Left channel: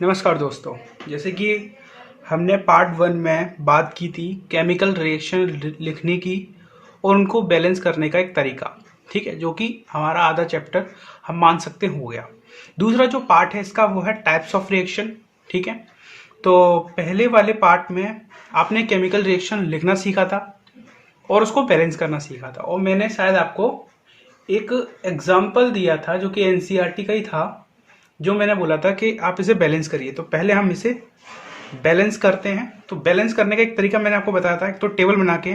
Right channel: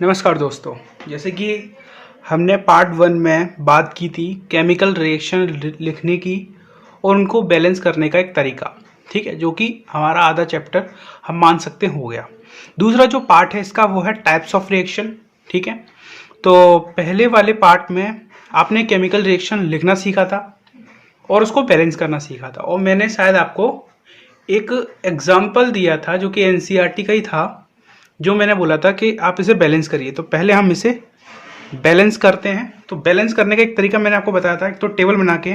नमस्कार दोस्तों। जैसे कि हमने पार्ट वन में बात की थी केमिकल रिएक्शन लिखने की और उनको बैलेंस करने का एक तरीका, ठीक है, जो कि हमारा आधा चैप्टर हम मान सकते हो गया। दूसरा जो पार्ट है इसका वो है टाइप्स ऑफ रिएक्शन, ठीक है। तो पहले वाले पार्ट में आपने केमिकल रिएक्शन लिखना सीखा था और उसको बैलेंस करना सीखा था, और मैंने शायद आपको एक एग्जाम्पल दिया था जो कि एनसीईआरटी का ही था, जो मैंने बोला था कि आप इसे बैलेंस करिए। तो पहले हम इसे बैलेंस करते हैं। तो बैलेंस करने का एक तरीका मैंने आपको बताया था, एक तो टेबल बना के,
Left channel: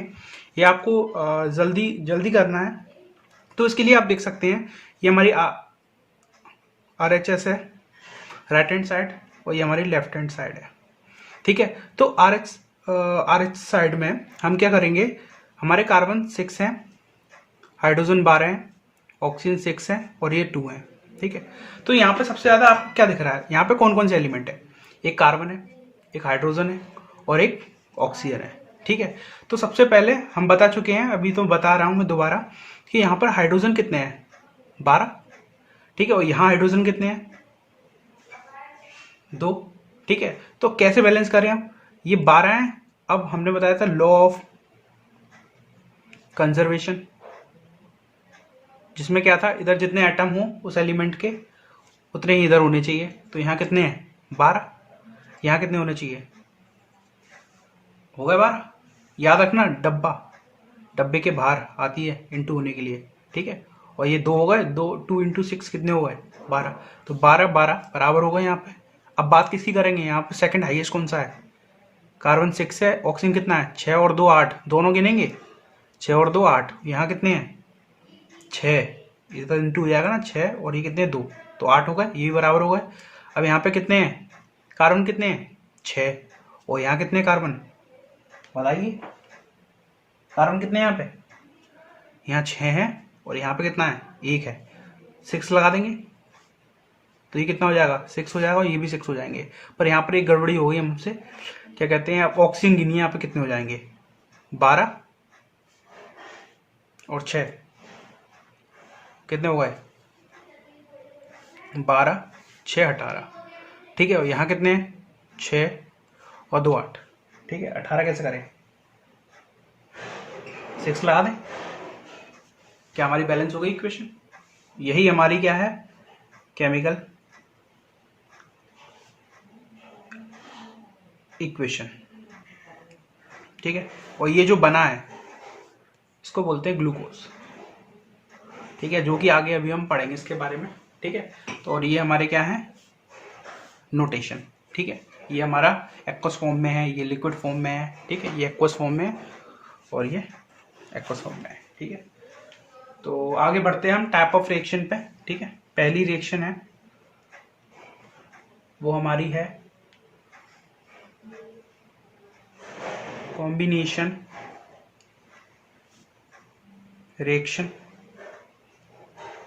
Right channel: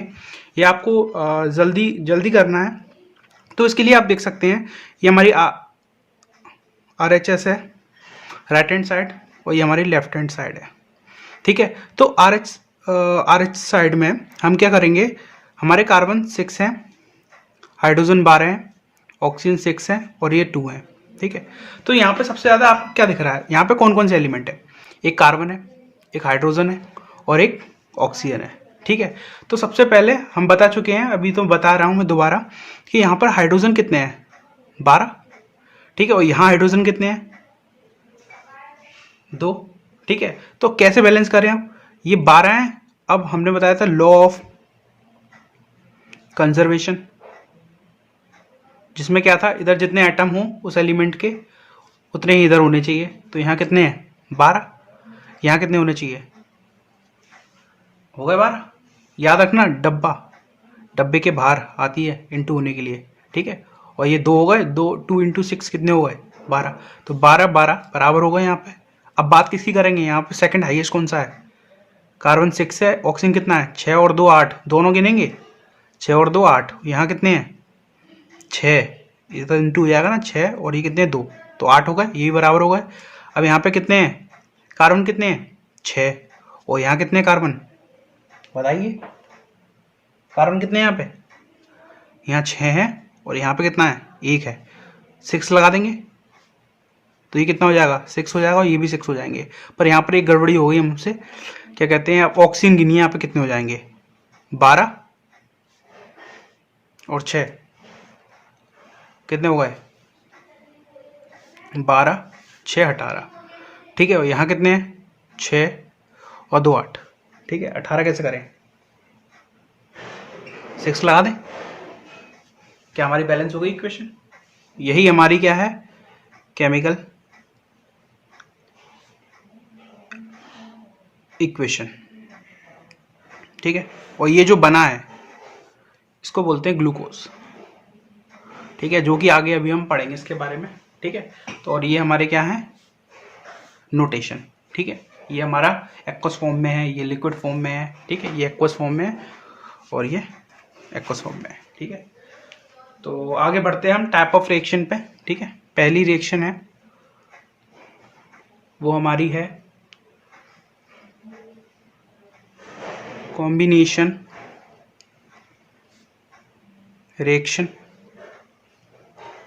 ये आपको जल्दी जल्दी करना है। तो इसके लिए आप देख सकते हैं ये हमारी RHS है, राइट हैंड साइड, और ये हमारी लेफ्ट हैंड साइड है, ठीक है। तो RH साइड में हम क्या करेंगे, हमारे कार्बन 6 हैं, हाइड्रोजन 12 हैं, ऑक्सीजन 6 है और ये 2 है, ठीक है। तो यहाँ पे सबसे ज़्यादा आपको क्या दिख रहा है, यहाँ पे कौन कौन से एलिमेंट है, एक कार्बन है, एक हाइड्रोजन है और एक ऑक्सीजन है, ठीक है। तो सबसे पहले हम बता चुके हैं, अभी तो बता रहा हूँ मैं दोबारा, कि यहाँ पर हाइड्रोजन कितने हैं, 12, ठीक है, और यहाँ हाइड्रोजन कितने हैं, 2, ठीक है। तो कैसे बैलेंस करें हम, ये 12 हैं। अब हमने बताया था लॉ ऑफ कंजर्वेशन, जिसमें क्या था, इधर जितने एटम हो उस एलिमेंट के उतने ही इधर होने चाहिए। तो यहाँ कितने हैं, 12, यहाँ कितने होने चाहिए, हो गए 12। याद रखना, डब्बे के बाहर आती है इंटू होने के लिए, ठीक है। और ये 2 हो गए, 2 × 6 कितने हो गए, 12। तो 12 12 बराबर हो गए यहाँ पे। अब बात किसकी करेंगे, यहाँ पे सेकंड हाईएस्ट कौन सा है, कार्बन 6 है, ऑक्सीजन कितना है, 6 और 2 8, दोनों गिनेंगे, 6 और 2 8, यहाँ कितने हैं, 6, ये तो इंटू हो जाएगा ना, 6 और ये कितने 2, तो 8 हो गए, ये भी बराबर हो गए। अब यहाँ पे कितने हैं, कार्बन कितने हैं, 6, और यहाँ कितने कार्बन, बताइए, कार्बन कितने हैं यहाँ पे, यहाँ 6 है और यहाँ पे कितना है, 1 है, 6 लगा देंगे तो ये कितना हो जाएगा, 6 हो जाएगा, और ये भी 6 हो जाएंगे। पर यहाँ पर एक गड़बड़ी हो गई हमसे, क्या कहते हैं, ऑक्सीजन गिनिए यहाँ पे कितने हो जाएंगे, 12 और 6 कितने हो गए, 12 6 18, ठीक है। और यहाँ कितने हैं, 6 और 2 8, ठीक है। 18 कैसे करें, 6 लगा दें, क्या हमारी बैलेंस हो गई इक्वेशन। यही हमारी क्या है, केमिकल इक्वेशन, ठीक है। और ये जो बना है इसको बोलते हैं ग्लूकोज, ठीक है, जो कि आगे अभी हम पढ़ेंगे इसके बारे में, ठीक है। तो और ये हमारे क्या है, नोटेशन, ठीक है। ये हमारा एक्वस फॉर्म में है, ये लिक्विड फॉर्म में है, ठीक है, ये एक्वस फॉर्म में है और ये एक्वस फॉर्म में है, ठीक है। तो आगे बढ़ते हैं हम टाइप ऑफ रिएक्शन पे, ठीक है। पहली रिएक्शन है वो हमारी है कॉम्बिनेशन रिएक्शन,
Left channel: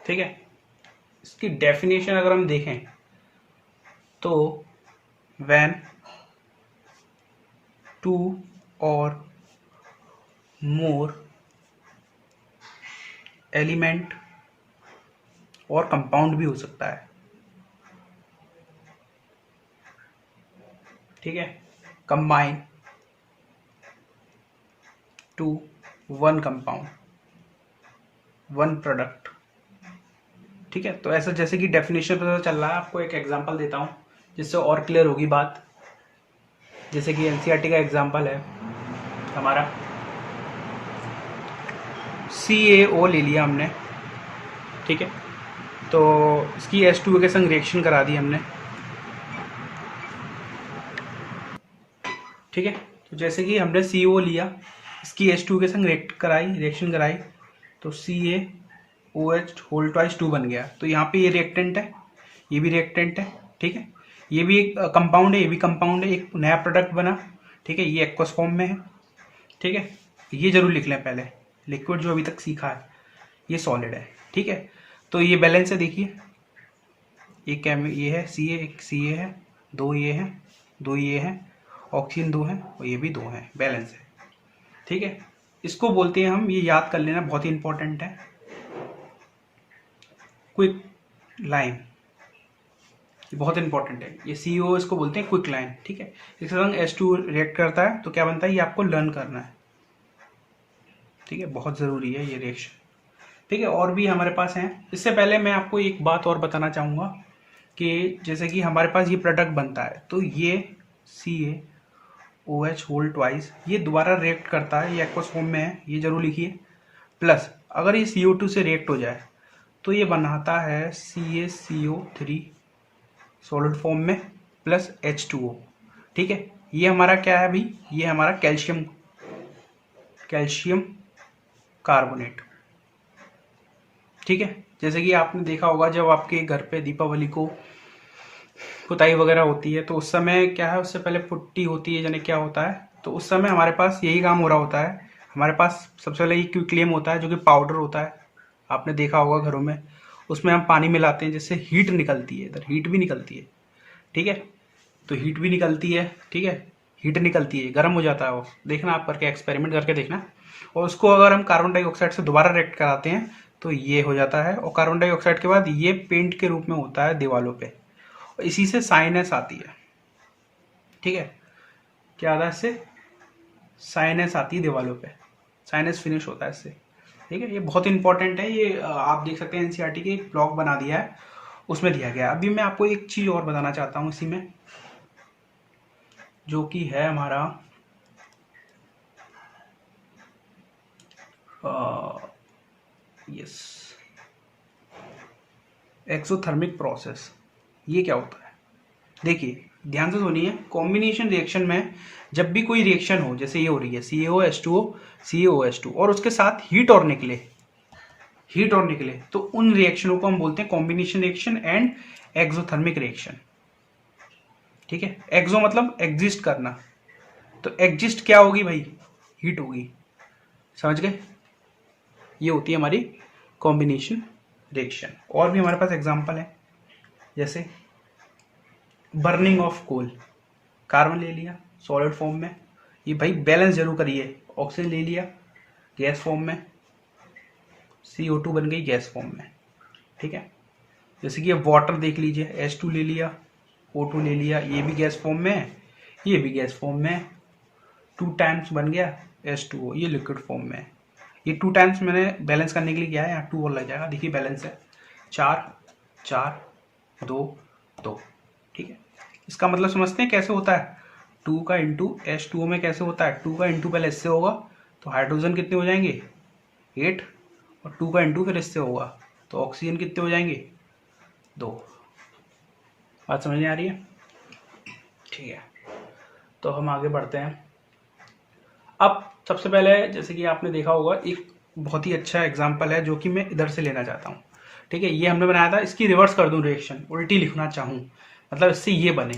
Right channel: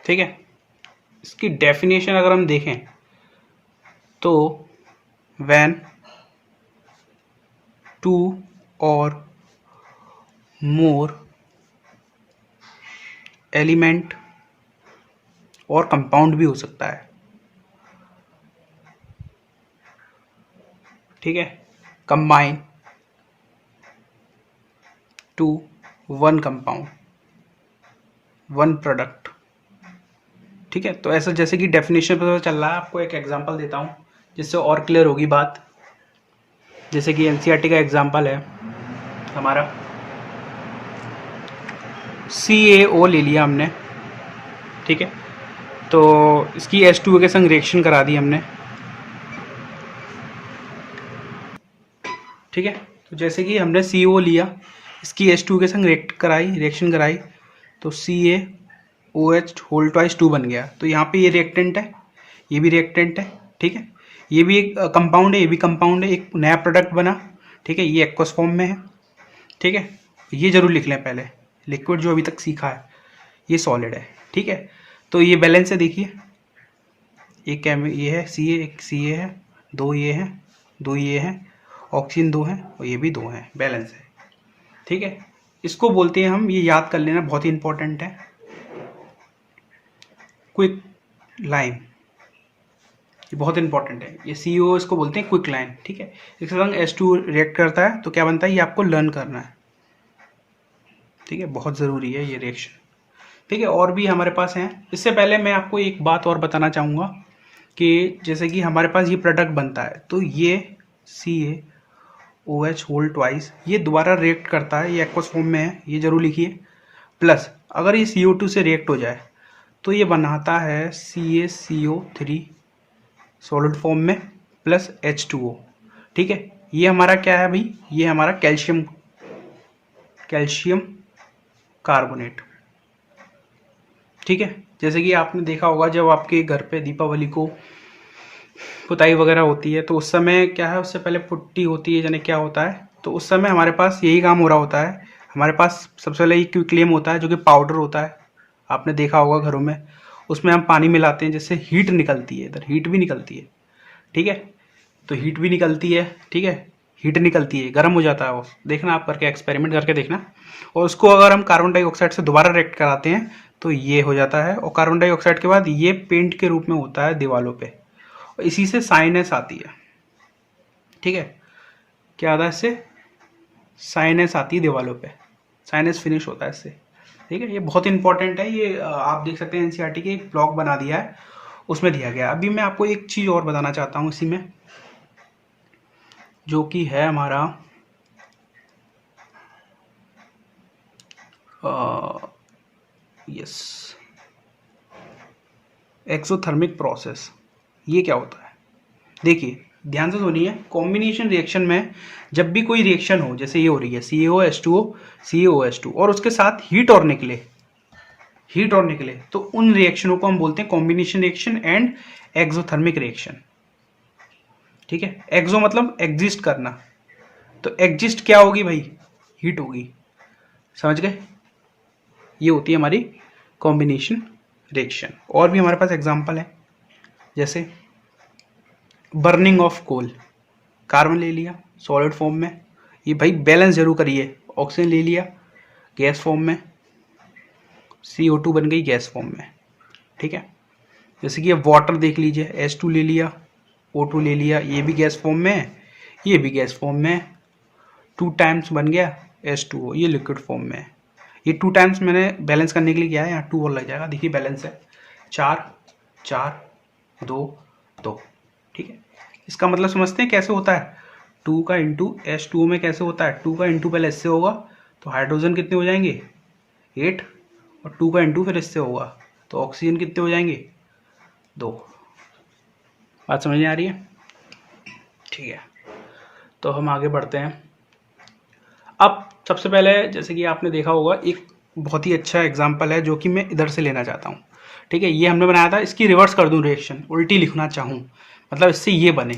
ठीक है। इसकी डेफिनेशन अगर हम देखें तो व्हेन 2 और मोर एलिमेंट, और कंपाउंड भी हो सकता है, ठीक है, combine to one compound, one product, ठीक है। तो ऐसा जैसे कि डेफिनेशन पता चल रहा है, आपको एक एग्जांपल देता हूँ जिससे और क्लियर होगी बात। जैसे कि एनसीईआरटी का एग्जांपल है हमारा, CaO ले लिया हमने, ठीक है। तो इसकी H2O के संग रिएक्शन करा दी हमने, ठीक है। तो जैसे कि हमने CO लिया, इसकी H2O के संग रिएक्शन कराई, तो CaOH होल ट्वाइस 2 बन गया। तो यहाँ पे ये रिएक्टेंट है, ये भी रिएक्टेंट है, ठीक है। ये भी एक कंपाउंड है, ये भी कंपाउंड है, एक नया प्रोडक्ट बना, ठीक है। ये एक्वस फॉर्म में है, ठीक है। ये जरूर लिख लें पहले, लिक्विड जो अभी तक सीखा है ये सॉलिड है, ठीक है। तो ये बैलेंस है, देखिए, ये है एक Ca है, 2 ये है, 2 ये है, ऑक्सीजन 2 है और ये भी 2 है, बैलेंस है, ठीक है। इसको बोलते हैं हम, ये याद कर लेना, बहुत ही इंपॉर्टेंट है, क्विक लाइम ये बहुत इंपॉर्टेंट है, ये CO इसको बोलते हैं क्विक लाइन, ठीक है। इसके संग H2 रिएक्ट करता है तो क्या बनता है, ये आपको लर्न करना है, ठीक है, बहुत ज़रूरी है ये रिएक्शन, ठीक है। और भी हमारे पास हैं। इससे पहले मैं आपको एक बात और बताना चाहूँगा कि जैसे कि हमारे पास ये प्रोडक्ट बनता है तो ये CaOH होल ट्वाइस ये दोबारा रिएक्ट करता है, ये एक्वस फॉर्म में है, ये जरूर लिखिए। प्लस अगर ये CO2 से रिएक्ट हो जाए तो ये बनाता है CaCO3 सॉलिड फॉर्म में प्लस H2O, ठीक है। ये हमारा क्या है भाई, ये हमारा कैल्शियम कार्बोनेट, ठीक है। जैसे कि आपने देखा होगा जब आपके घर पे दीपावली को पुताई वगैरह होती है तो उस समय क्या है, उससे पहले पुट्टी होती है, यानी क्या होता है, तो उस समय हमारे पास यही काम हो रहा होता है। हमारे पास सबसे पहले ये क्विकलेम होता है जो कि पाउडर होता है, आपने देखा होगा घरों में, उसमें हम पानी मिलाते हैं जिससे हीट निकलती है, इधर हीट भी निकलती है, ठीक है। तो हीट भी निकलती है, ठीक है, हीट निकलती है, गर्म हो जाता है वो, देखना आप करके, एक्सपेरिमेंट करके देखना। और उसको अगर हम कार्बन डाइऑक्साइड से दोबारा रिएक्ट कराते हैं तो ये हो जाता है, और कार्बन डाइऑक्साइड के बाद ये पेंट के रूप में होता है दीवालों पे, और इसी से साइनेस आती है, ठीक है। क्या आता है इससे, साइनेस आती है दीवालों पे, साइनेस फिनिश होता है इससे, ठीक है। ये बहुत इंपॉर्टेंट है, ये आप देख सकते हैं NCERT के एक ब्लॉग बना दिया है, उसमें दिया गया है। अभी मैं आपको एक चीज़ और बताना चाहता हूँ इसी में, जो कि है हमारा यस एक्सोथर्मिक प्रोसेस। ये क्या होता है, देखिए ध्यान से सुनिए। कॉम्बिनेशन रिएक्शन में जब भी कोई रिएक्शन हो, जैसे ये हो रही है CaOH2O CaOH2 और उसके साथ हीट और निकले, तो उन रिएक्शनों को हम बोलते हैं combination reaction and exothermic reaction, ठीक है। एक्सो मतलब एग्जिस्ट करना, तो एग्जिस्ट क्या होगी भाई, हीट होगी, समझ गए। ये होती है हमारी कॉम्बिनेशन रिएक्शन। और भी हमारे पास एग्जांपल है, जैसे बर्निंग ऑफ कोल, कार्बन ले लिया सॉलिड फॉर्म में, ये भाई बैलेंस जरूर करिए, ऑक्सीजन ले लिया गैस फॉर्म में, CO2 बन गई गैस फॉर्म में, ठीक है। जैसे कि वाटर देख लीजिए, H2 ले लिया, O2 ले लिया, ये भी गैस फॉर्म में है, ये भी गैस फॉर्म में है, 2 टाइम्स बन गया H2O, ये लिक्विड फॉर्म में है। ये 2 टाइम्स मैंने बैलेंस करने के लिए किया है, यहाँ 2 और लग जाएगा, देखिए बैलेंस है 4 4 2 2, ठीक है। इसका मतलब समझते हैं कैसे होता है, 2 का इंटू H2O में कैसे होता है, 2 का इंटू पहले इससे होगा तो हाइड्रोजन कितने हो जाएंगे 8, और 2 का इंटू फिर इससे होगा तो ऑक्सीजन कितने हो जाएंगे 2। बात समझ में आ रही है, ठीक है। तो हम आगे बढ़ते हैं। अब सबसे पहले जैसे कि आपने देखा होगा एक बहुत ही अच्छा एग्जाम्पल है जो कि मैं इधर से लेना चाहता हूँ, ठीक है। ये हमने बनाया था, इसकी रिवर्स कर दूं रिएक्शन, उल्टी लिखना चाहूँ, मतलब इससे ये बने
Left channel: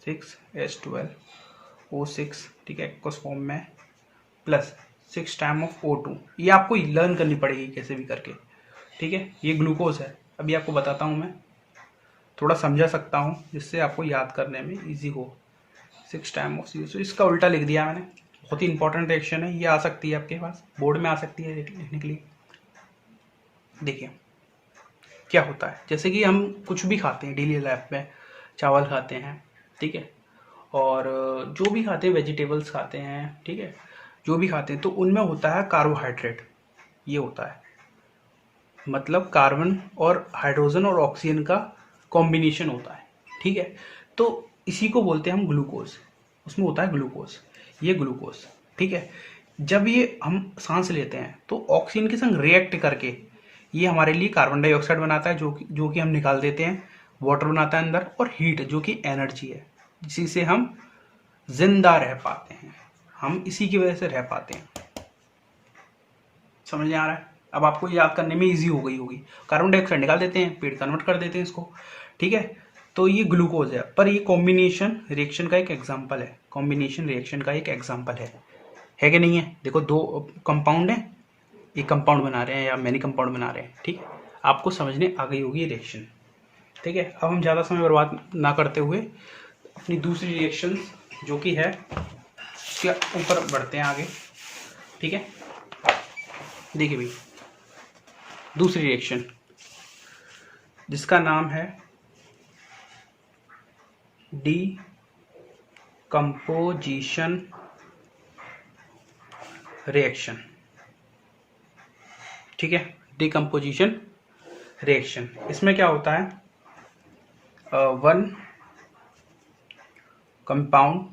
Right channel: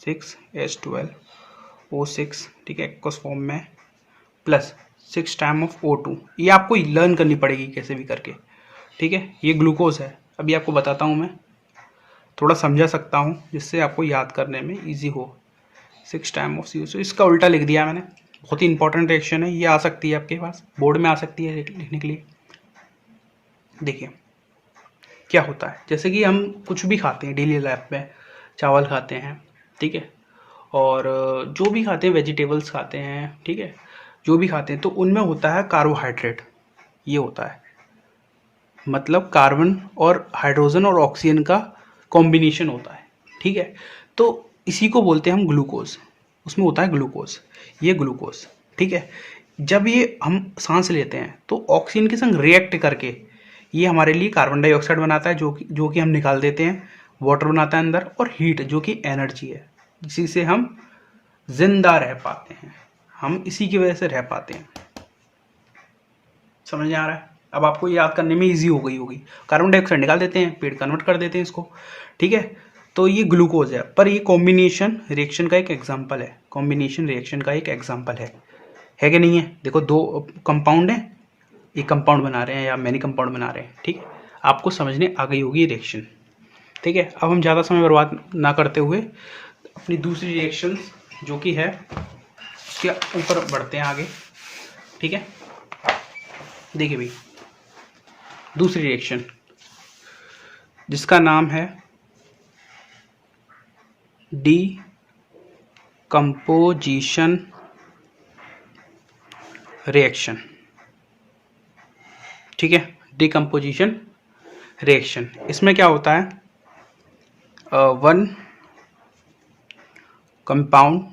6H12O6, ठीक है, एक्वस फॉर्म में, प्लस 6 टाइम ऑफ O2। ये आपको लर्न करनी पड़ेगी कैसे भी करके, ठीक है। ये ग्लूकोज है, अभी आपको बताता हूँ, मैं थोड़ा समझा सकता हूँ जिससे आपको याद करने में ईजी हो। 6 टाइम ऑफ CO2, इसका उल्टा लिख दिया मैंने, बहुत ही इंपॉर्टेंट रिएक्शन है, ये आ सकती है आपके पास बोर्ड में, आ सकती है लिखने के लिए। देखिए क्या होता है, जैसे कि हम कुछ भी खाते हैं डेली लाइफ में, चावल खाते हैं, ठीक है, और जो भी खाते हैं, वेजिटेबल्स खाते हैं, ठीक है, जो भी खाते हैं तो उनमें होता है कार्बोहाइड्रेट, ये होता है, मतलब कार्बन और हाइड्रोजन और ऑक्सीजन का कॉम्बिनेशन होता है, ठीक है। तो इसी को बोलते हैं हम ग्लूकोज, उसमें होता है ग्लूकोज, ये ग्लूकोज, ठीक है। जब ये हम सांस लेते हैं तो ऑक्सीजन के संग रिएक्ट करके ये हमारे लिए कार्बन डाइऑक्साइड बनाता है, जो कि हम निकाल देते हैं, वाटर बनाता है अंदर, और हीट जो कि एनर्जी है, जिससे हम जिंदा रह पाते हैं, हम इसी की वजह से रह पाते हैं। समझ में आ रहा है, अब आपको याद करने में इजी हो गई होगी। कार्बन डाइऑक्साइड निकाल देते हैं, पेड़ कन्वर्ट कर देते हैं इसको, ठीक है। तो ये ग्लूकोज है, पर ये कॉम्बिनेशन रिएक्शन का एक एग्जाम्पल है, कॉम्बिनेशन रिएक्शन का एक एग्जाम्पल है कि नहीं है। देखो दो कंपाउंड है, एक कंपाउंड बना रहे हैं या मैनी कंपाउंड बना रहे हैं, ठीक है। आपको समझने आ गई होगी रिएक्शन, ठीक है। अब हम ज़्यादा समय बर्बाद ना करते हुए अपनी दूसरी रिएक्शन जो कि है उसके ऊपर बढ़ते हैं आगे, ठीक है। देखिए भाई, दूसरी रिएक्शन जिसका नाम है डीकम्पोजिशन रिएक्शन, ठीक है, डीकम्पोजिशन रिएक्शन। इसमें क्या होता है, वन कंपाउंड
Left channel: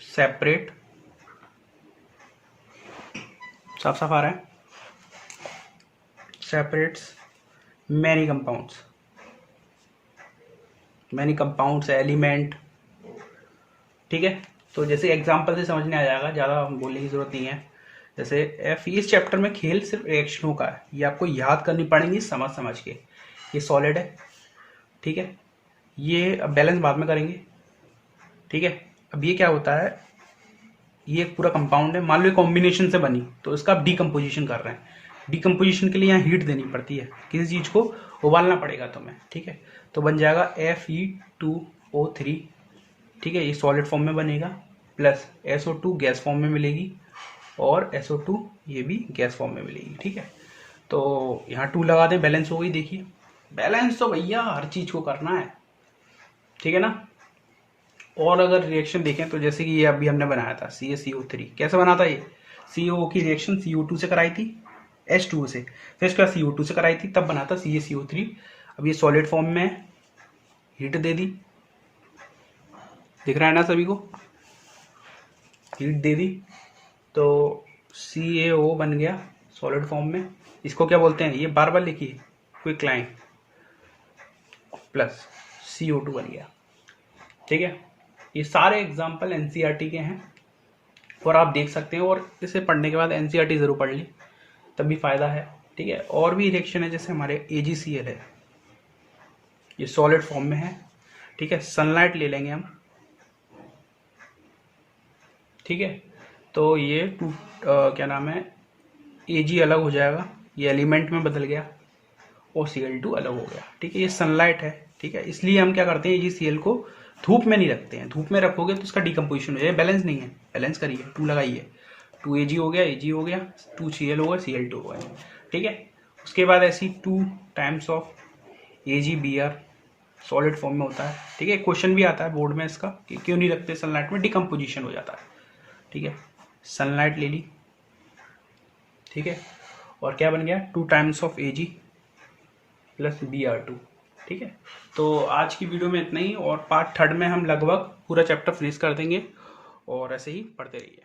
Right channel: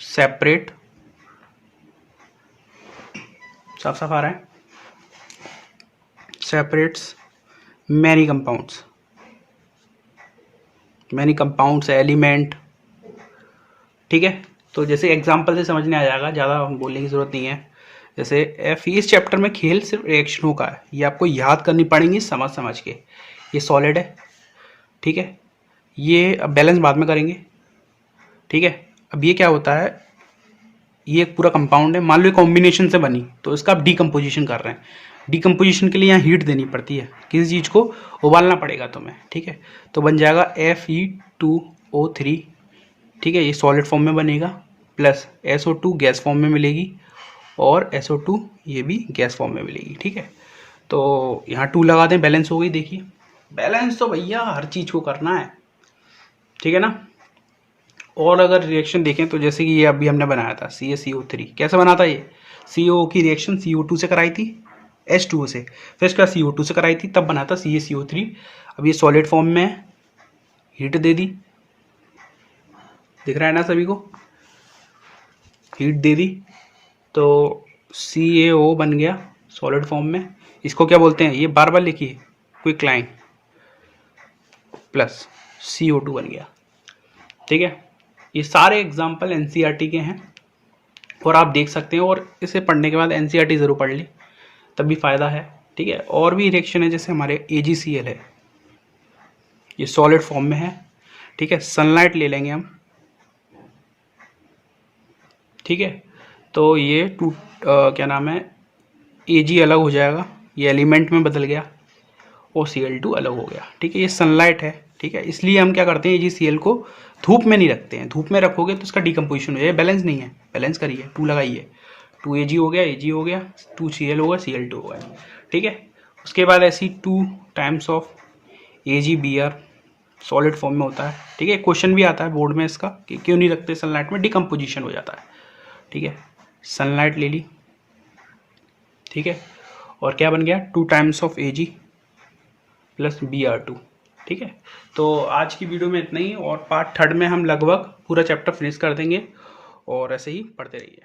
सेपरेट, साफ साफ आ रहा है, सेपरेट्स मैनी कंपाउंड्स एलिमेंट, ठीक है। तो जैसे एग्जांपल से समझने आ जाएगा, ज़्यादा बोलने की ज़रूरत नहीं है। जैसे इस चैप्टर में खेल सिर्फ रिएक्शनों का है, ये आपको याद करनी पड़ेंगी समझ समझ के। ये सॉलिड है, ठीक है, ये अब बैलेंस बाद में करेंगे, ठीक है। अब ये क्या होता है, ये एक पूरा कंपाउंड है, मान लो कॉम्बिनेशन से बनी, तो इसका आप डीकम्पोजिशन कर रहे हैं। डीकम्पोजिशन के लिए यहाँ हीट देनी पड़ती है, किसी चीज़ को उबालना पड़ेगा तुम्हें, ठीक है। तो बन जाएगा Fe2O3, ठीक है, ये सॉलिड फॉर्म में बनेगा, प्लस SO2 गैस फॉर्म में मिलेगी, और SO2 ये भी गैस फॉर्म में मिलेगी, ठीक है। तो यहाँ 2 लगा दें, बैलेंस हो गई। देखिए बैलेंस तो भैया हर चीज़ को करना है, ठीक है ना। और अगर रिएक्शन देखें तो जैसे कि ये अभी हमने बनाया था CaCO3, कैसे बना था ये, CO की रिएक्शन CO2 से कराई थी, H2O से, फिर इसका CO2 से कराई थी, तब बना था CaCO3। अब ये सॉलिड फॉर्म में है, हीट दे दी, दिख रहा है ना सभी को, हीट दे दी, तो CaO बन गया सॉलिड फॉर्म में। इसको क्या बोलते हैं, ये बार बार लिखिए, क्विकलाइन, प्लस CO2 बन गया, ठीक है। ये सारे एग्जाम्पल NCERT के हैं, और आप देख सकते हैं, और इसे पढ़ने के बाद NCERT ज़रूर पढ़ लें, तभी फ़ायदा है, ठीक है। और भी रिएक्शन है, जैसे हमारे AgCl है, ये सॉलिड फॉर्म में है, ठीक है। सनलाइट ले लेंगे हम, ठीक है, तो ये क्या नाम है, Ag अलग हो जाएगा, ये एलिमेंट में बदल गया, और Cl2 अलग हो गया, ठीक है। ये सनलाइट है, ठीक है, इसलिए हम क्या करते हैं, AgCl को धूप में नहीं रखते हैं, धूप में रखोगे तो इसका डिकम्पोजिशन हो जाएगा, बैलेंस नहीं है, बैलेंस करिए, 2 लगाइए, 2Ag हो गया, Ag हो गया, 2Cl होगा, Cl2 होगा, ठीक है। उसके बाद ऐसी 2 times of AgBr solid form में होता है, ठीक है। क्वेश्चन भी आता है बोर्ड में इसका कि क्यों नहीं रखते सनलाइट में, डिकम्पोजिशन हो जाता है, ठीक है। सनलाइट ले ली, ठीक है, और क्या बन गया, 2 times of Ag plus Br2, ठीक है। तो आज की वीडियो में इतना ही, और पार्ट 3 में हम लगभग पूरा चैप्टर फिनिश कर देंगे, और ऐसे ही पढ़ते रहिए।